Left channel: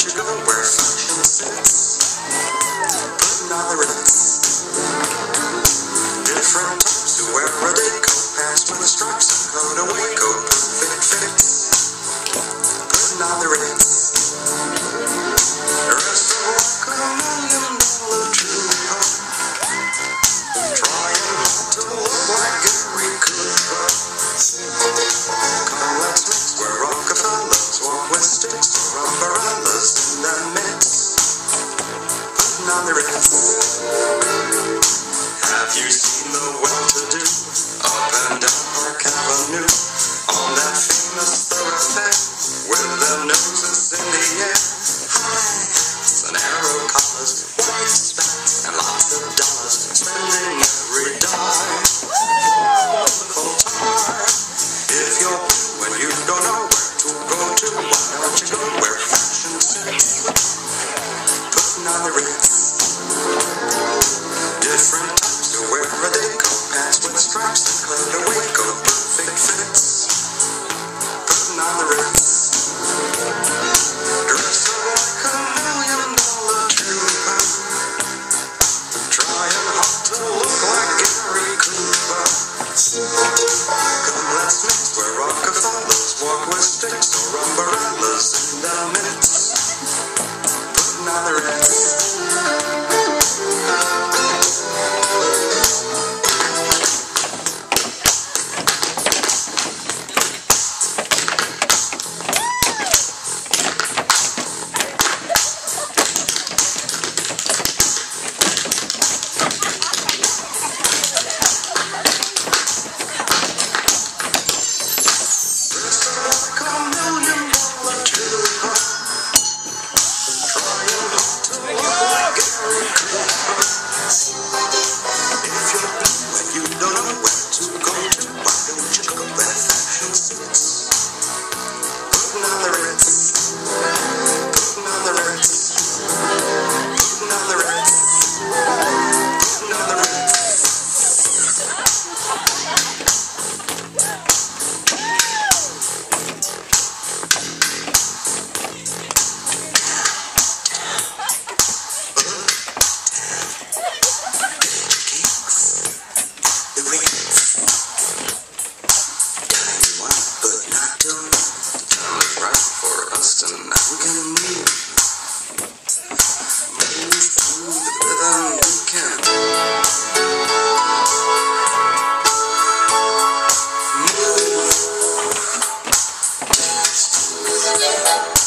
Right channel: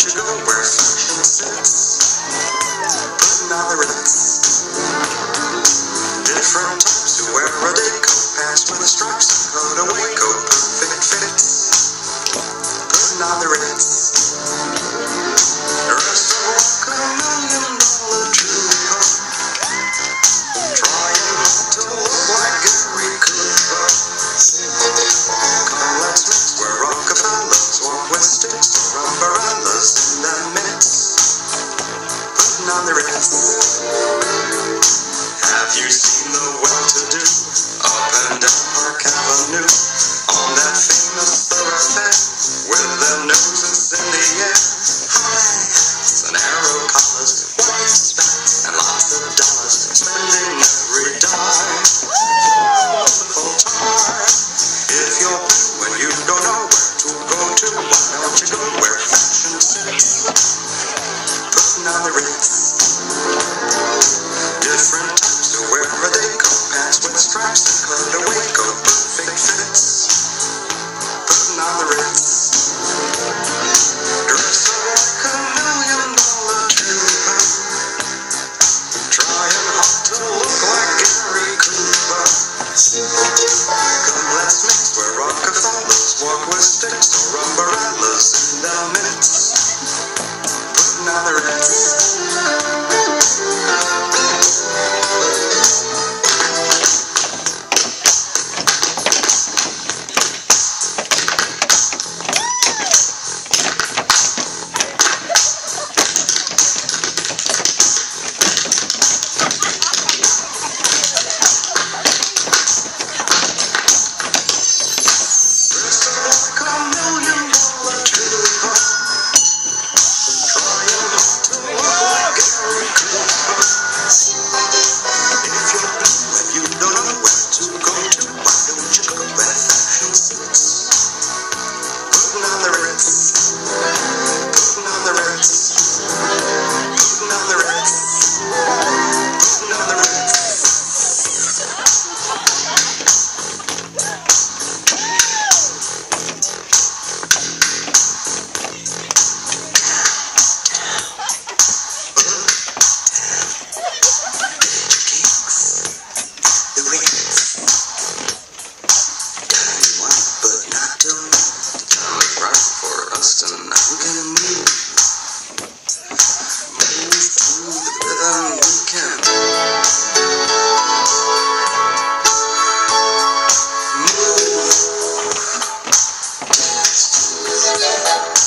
don't you go where fashion sits? Putting on the Ritz. Different types to wear a day coat, pants with the stripes and coat away coat, perfect fits. Putting on the Ritz. Dressed to walk $1,000,000 trooper, trying not to look like Gary Cooper. Come, let's mix where Rockefellers walk with sticks or umbrellas in their midst. Putting on the Ritz. Have you seen the well-to-do up and down Park Avenue on that famous thoroughfare with their noses in the air? High hats and arrow collars, white spats and lots of dollars, spending every dime for a wonderful time. If you're blue and you don't know where to go to, why don't you go where fashion sits? Putting on the Ritz. Different types to wear a day coat, pants with stripes and coat away coat, perfect fits. Putting on the Ritz. Dressed up like $1,000,000 trooper, trying hard to look like Gary Cooper. Come, let's mix where Rockefellers walk with sticks or umbrellas in their midst. Putting on the Ritz. Move.